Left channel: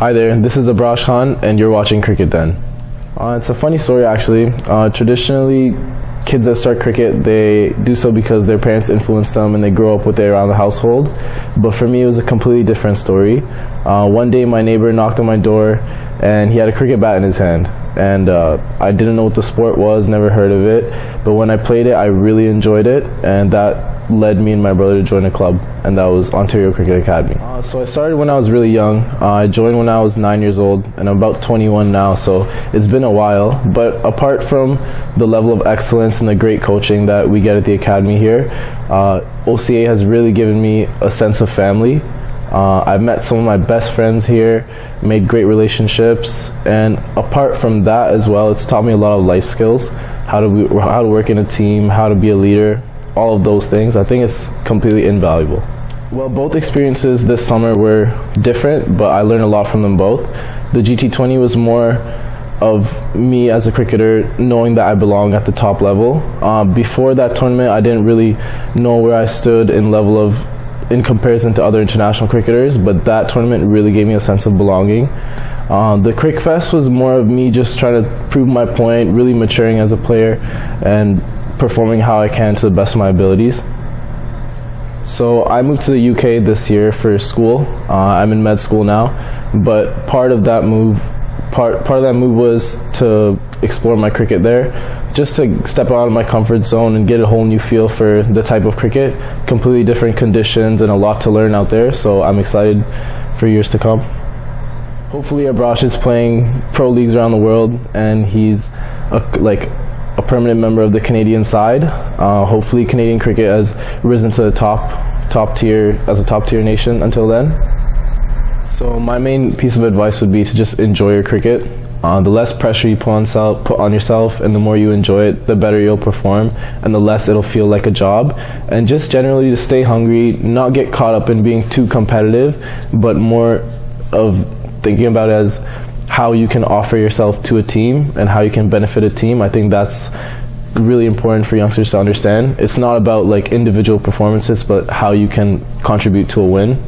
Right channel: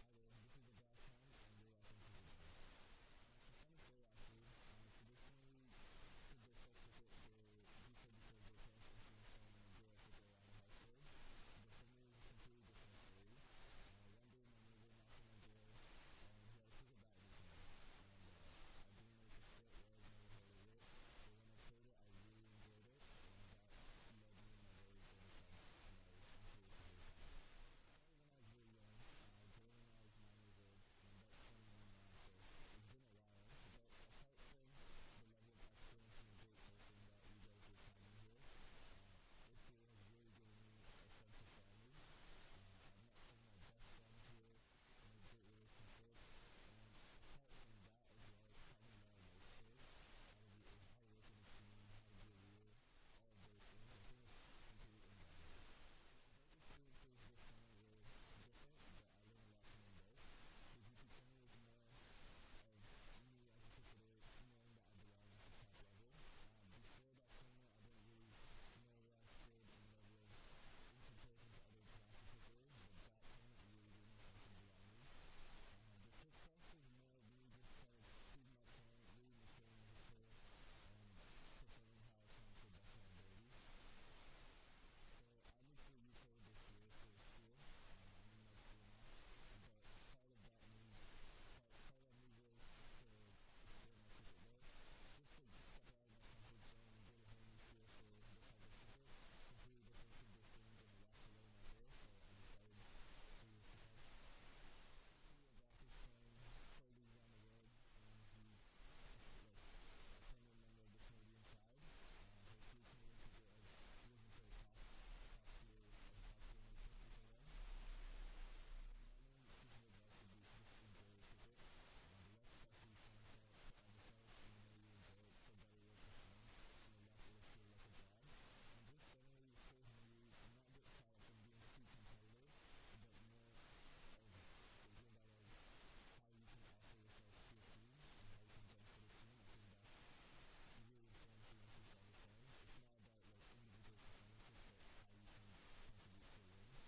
Hi there, this is Abraash Khan, and you're watching Cricket Den. It's a funny story, actually. Traditionally, kids that start cricket, they do so because their parents influence them and they grow up with it around the household. But for me, it was a completely different story. One day, my neighbor knocked on my door, and he had a cricket bat in his hand. And I didn't know what the sport was, never heard of it. But when I played it, I really enjoyed it, and that led me and my brother to join a club, and that was Ontario Cricket Academy. So I started when I was really young. I joined when I was 9 years old, and I'm about 21 now, so it's been a while. But apart from the level of excellence and the great coaching that we get at the academy here, OCA has really given me a sense of family. I've met some of my best friends here, made great relationships, and apart from that as well, it's taught me a lot of life skills, how to work in a team, how to be a leader, all of those things. I think it's completely invaluable. Well, both experiences this summer were different, but I learned a lot from them both. The GT20 was more of me as a cricketer knowing that I belong at the top level. Before that tournament, I didn't really know where I stood in comparison to other international cricketers, but that tournament really gave me a sense of belonging. The Crick Fest was more of me just trying to prove my point, really maturing as a player and performing how I can to the best of my abilities. So I moved to the UK this year for school. I'm in med school now, but part of that move was to explore my cricket there, just to step out of my comfort zone and get a whole new feel for the type of cricket, completely different conditions and a lot to learn out there, so I'm excited for years to come. Hopefully Abraash is playing pro leagues around the world and he's a permanent member of the Canadian side. Hopefully Canadian cricket has risen to the top tier as a top tier nation until then. So my main piece of advice would be to just enjoy your cricket. The less pressure you put on yourself and the more you enjoy it, the better you'll perform and the less it'll feel like a job. And just generally to stay hungry, not get caught up in being too competitive, but more of thinking about it as how you can offer yourself to a team and how you can benefit a team. I think that's really important for youngsters to understand. It's not about individual performances, but how you can contribute to a win.